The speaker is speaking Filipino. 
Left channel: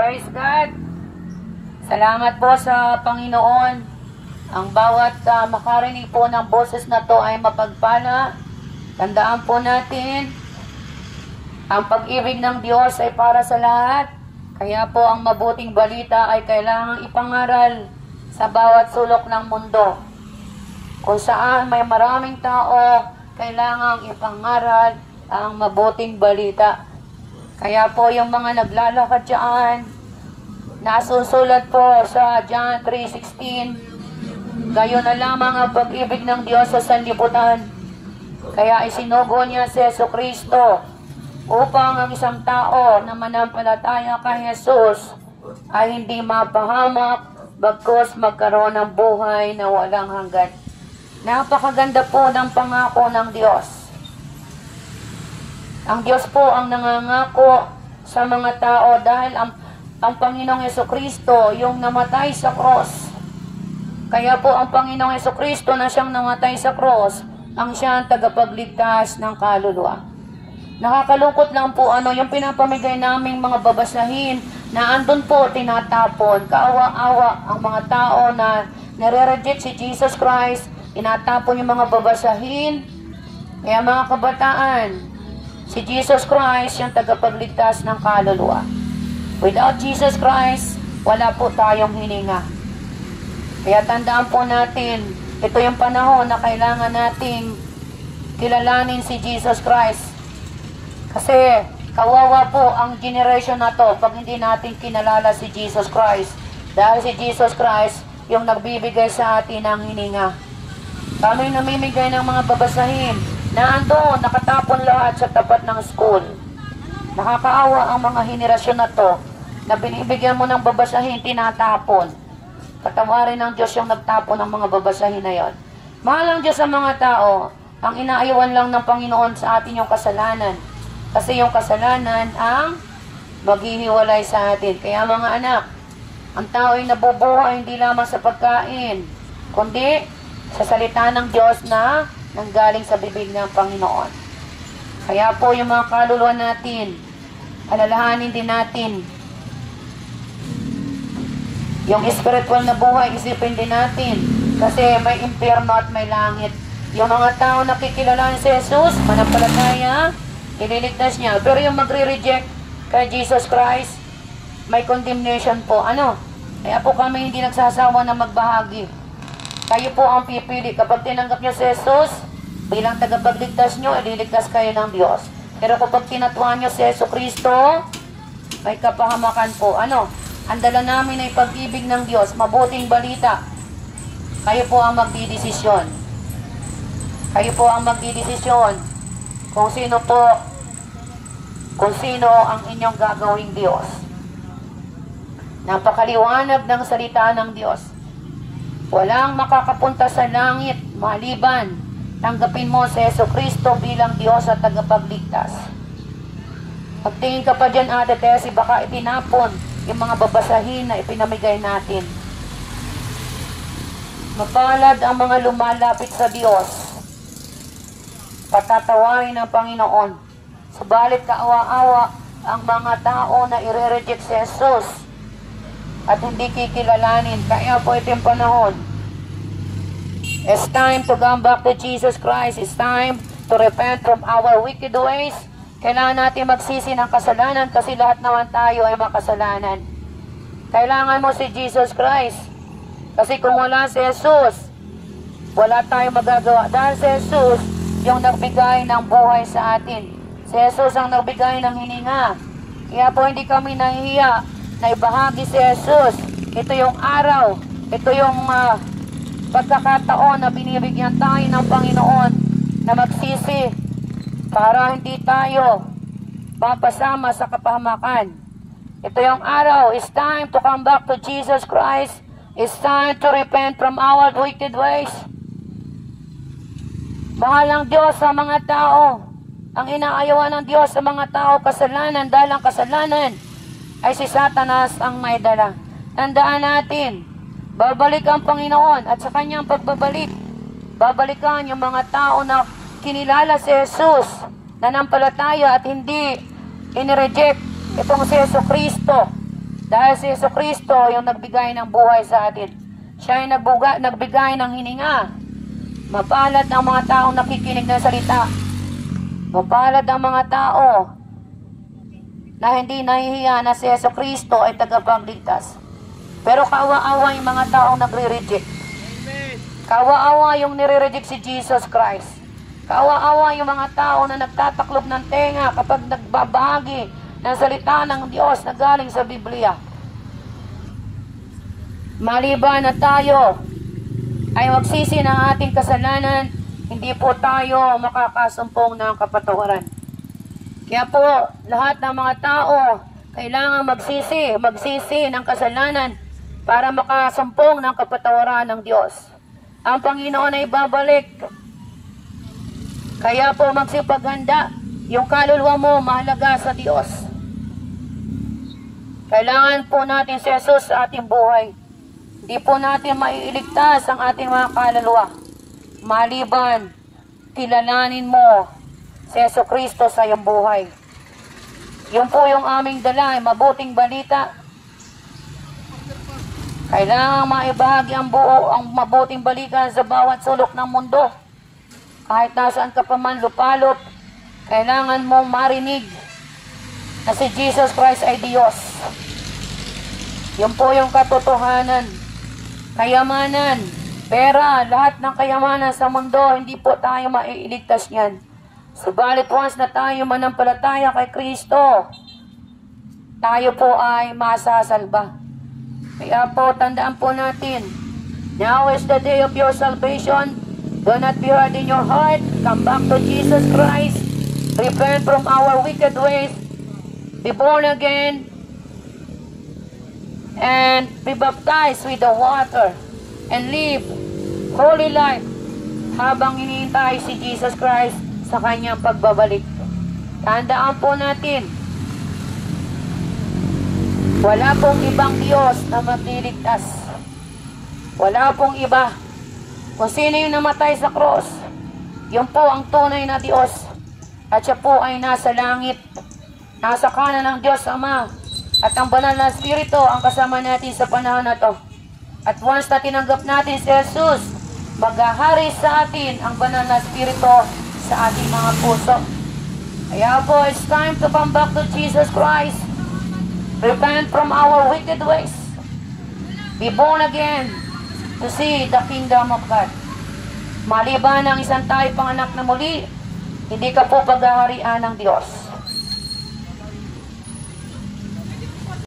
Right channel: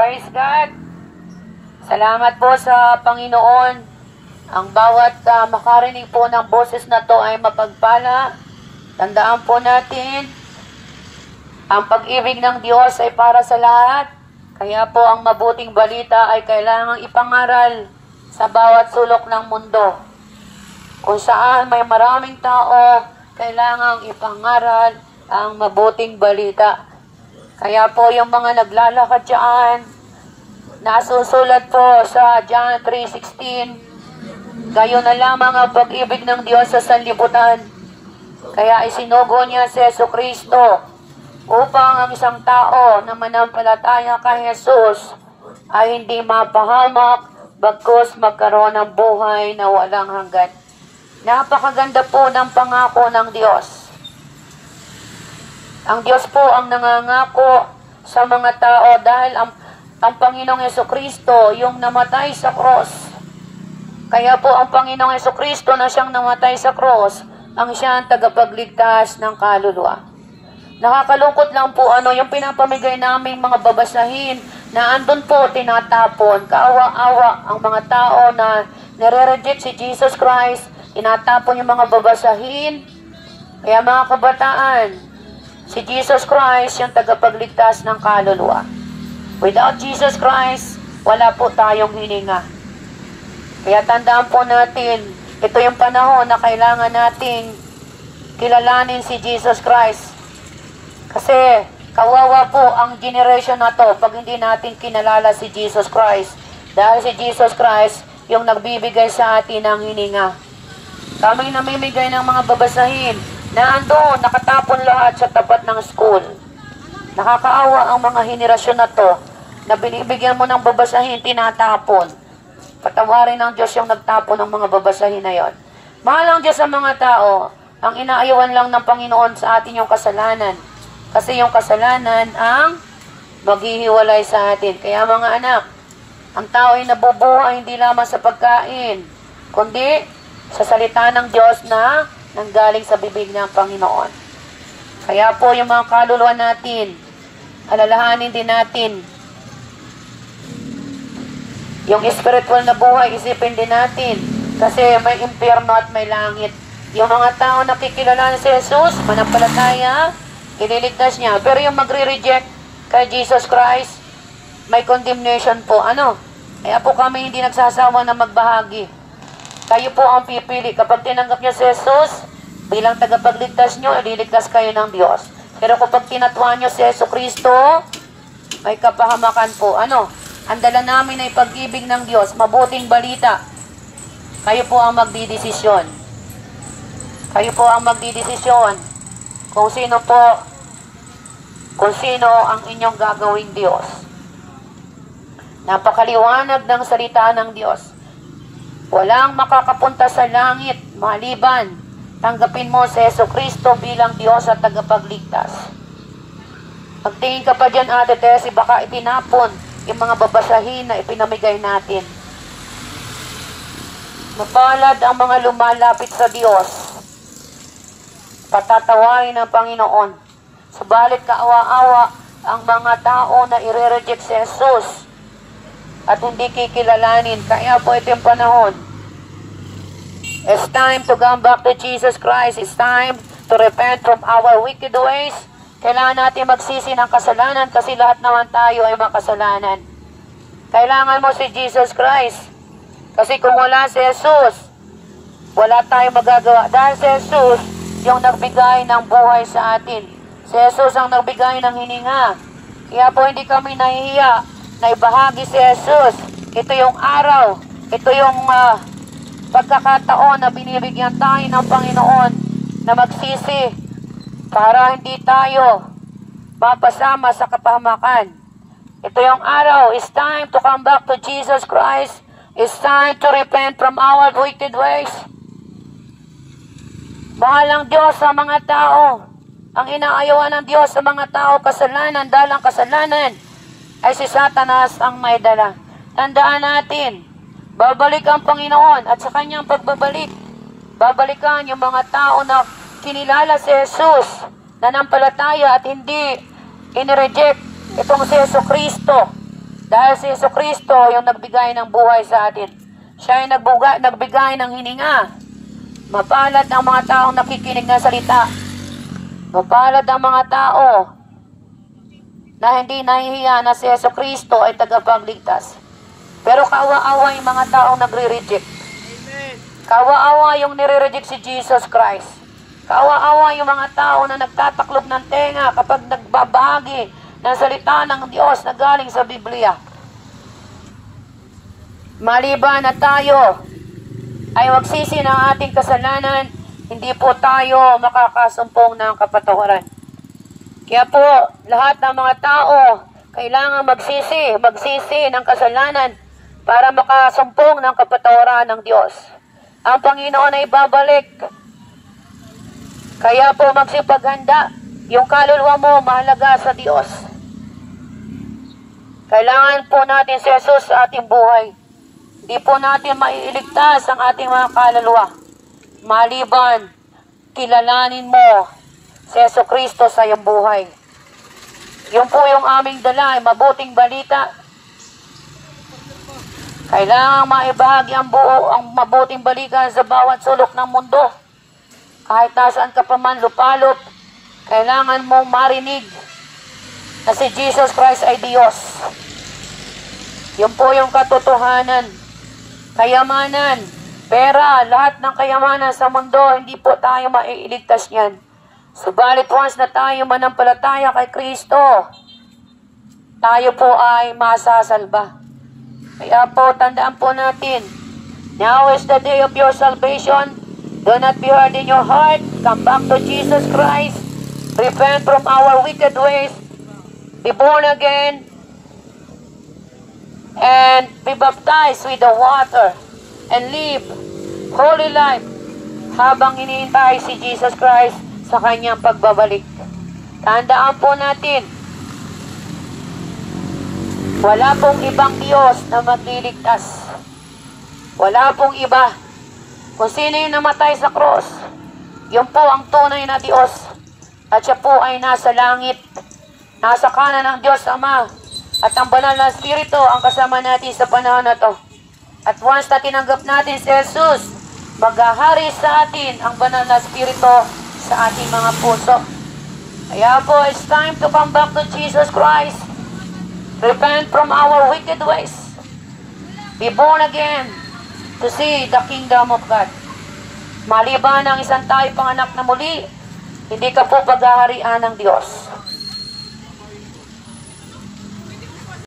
Praise God! Salamat po sa Panginoon. Ang bawat makarinig po ng boses na to ay mapagpala. Tandaan po natin, ang pag-ibig ng Diyos ay para sa lahat. Kaya po ang mabuting balita ay kailangang ipangaral sa bawat sulok ng mundo. Kung saan may maraming tao, kailangang ipangaral ang mabuting balita. Kaya po yung mga naglalakad dyan, nasusulat po sa John 3:16, gayon na lamang ang pag-ibig ng Diyos sa sanlibutan. Kaya isinugo niya si Jesucristo upang ang isang tao na manampalataya kay Jesus ay hindi mapahamak, bagkus magkaroon ng buhay na walang hanggan. Napakaganda po ng pangako ng Diyos. Ang Diyos po ang nangangako sa mga tao dahil ang Panginoong Jesucristo yung namatay sa cross. Kaya po ang Panginoong Jesucristo na siyang namatay sa cross, ang siyang tagapagligtas ng kaluluwa. Nakakalungkot lang po yung pinapamigay naming mga babasahin na andun po tinatapon. Kaawa-awa ang mga tao na nire-reject si Jesus Christ, tinatapon yung mga babasahin. Kaya mga kabataan, si Jesus Christ yung tagapagligtas ng kaluluwa. Without Jesus Christ, wala po tayong hininga. Kaya tandaan po natin, ito yung panahon na kailangan nating kilalanin si Jesus Christ. Kasi kawawa po ang generation na to pag hindi natin kinalala si Jesus Christ. Dahil si Jesus Christ yung nagbibigay sa atin ng hininga. Kami namimigay ng mga babasahin na andun, nakatapon lahat sa tapat ng school. Nakakaawa ang mga henerasyon na to na binibigyan mo ng babasahin, tinatapon. Patawarin ng Diyos yung nagtapon ng mga babasahin na yon. Mahal ang Diyos sa mga tao, ang inaayawan lang ng Panginoon sa atin yung kasalanan. Kasi yung kasalanan ang maghihiwalay sa atin. Kaya mga anak, ang tao ay nabubuhay hindi lamang sa pagkain, kundi sa salita ng Diyos na nanggaling sa bibig ng Panginoon. Kaya po yung mga kaluluwa natin, alalahanin din natin. Yung spiritual na buhay, isipin din natin. Kasi may impyerno at may langit. Yung mga tao nakikilala si Jesus, manampalataya, ililigtas niya. Pero yung magre-reject kay Jesus Christ, may condemnation po. Kaya po kami hindi nagsasawa na magbahagi. Kayo po ang pipili. Kapag tinanggap niyo si Jesus bilang tagapagligtas niyo, ililigtas kayo ng Diyos. Pero kapag tinatuan niyo si Jesucristo, may kapahamakan po. Ang dala namin ay pag-ibig ng Diyos, mabuting balita. Kayo po ang magdidesisyon. Kayo po ang magdidesisyon kung sino ang inyong gagawing Diyos. Napakaliwanag ng salita ng Diyos. Walang makakapunta sa langit maliban tanggapin mo si Jesucristo bilang Diyos at tagapagligtas. Pagtingin ka pa dyan, Ate Tessie, baka itinapon yung mga babasahin na ipinamigay natin. Mapalad ang mga lumalapit sa Diyos. Patatawarin ng Panginoon. Subalit kaawa-awa ang mga tao na ire-reject si Jesus at hindi kikilalanin. Kaya po ito yung panahon. It's time to come back to Jesus Christ. It's time to repent from our wicked ways. Kailangan natin magsisi ng kasalanan kasi lahat naman tayo ay makasalanan. Kailangan mo si Jesus Christ. Kasi kung wala si Jesus, wala tayong magagawa. Dahil si Jesus yung nagbigay ng buhay sa atin. Si Jesus ang nagbigay ng hininga. Kaya po hindi kami nahihiya na ibahagi si Jesus. Ito yung araw. Ito yung pagkakataon na binibigyan tayo ng Panginoon na magsisi para hindi tayo mapasama sa kapahamakan. Ito yung araw. It's time to come back to Jesus Christ. It's time to repent from our wicked ways. Mahal ang Diyos sa mga tao. Ang inaayawan ng Diyos sa mga tao, kasalanan, dahil ang kasalanan ay si Satanas ang may dala. Tandaan natin, babalik ang Panginoon at sa kanyang pagbabalik, babalikan yung mga tao na kinilala si Jesus, nanampalataya at hindi inireject itong si Jesucristo Dahil si Jesucristo yung nagbigay ng buhay sa atin. Siya yung nagbigay ng hininga. Mapalad ang mga taong nakikinig ng salita. Mapalad ang mga tao na hindi nahihiya na si Jesucristo ay tagapagligtas. Pero kawa-awa yung mga taong nagre-reject. Kawa-awa yung nire-reject si Jesus Christ. Kawa-awa yung mga tao na nagtataklob ng tenga kapag nagbabahagi ng salita ng Diyos na galing sa Biblia. Maliban na tayo ay magsisi ng ating kasalanan, hindi po tayo makakasumpong ng kapatawaran. Kaya po, lahat ng mga tao kailangan magsisi ng kasalanan para makasumpong ng kapatawaran ng Diyos. Ang Panginoon ay babalik. Kaya po magsipaghanda. Yung kaluluwa mo mahalaga sa Diyos. Kailangan po natin si Jesus sa ating buhay. Hindi po natin maiiligtas ang ating mga kaluluwa. Maliban, kilalanin mo si Jesucristo sa iyong buhay. Yun po yung aming dala, ay mabuting balita. Kailangan maibahagi ang mabuting balita sa bawat sulok ng mundo. Kahit nasaan ka pa man lupalop, kailangan mo marinig na si Jesus Christ ay Diyos. Yun po yung katotohanan. Kayamanan, pera, lahat ng kayamanan sa mundo, hindi po tayo maiiligtas yan. Subalit once na tayo manampalataya kay Kristo, tayo po ay masasalba. Kaya po, tandaan po natin, now is the day of your salvation. Do not be hard in your heart. Come back to Jesus Christ. Repent from our wicked ways. Be born again. And be baptized with the water. And live holy life habang hinihintay si Jesus Christ sa kanyang pagbabalik. Tandaan po natin, wala pong ibang Diyos na magliligtas. Wala pong iba. Kung sino yung namatay sa cross, yun po ang tunay na Diyos. At siya po ay nasa langit, nasa kanan ng Diyos Ama. At ang banal na Espiritu ang kasama natin sa panahon na to. At once na tinanggap natin si Jesus, maghahari sa atin ang banal na Espiritu sa ating mga puso. Kaya po, it's time to come back to Jesus Christ. Repent from our wicked ways. Be born again to see the kingdom of God. Maliban ng isang tayo panganak na muli, hindi ka po paghaharian ng Diyos.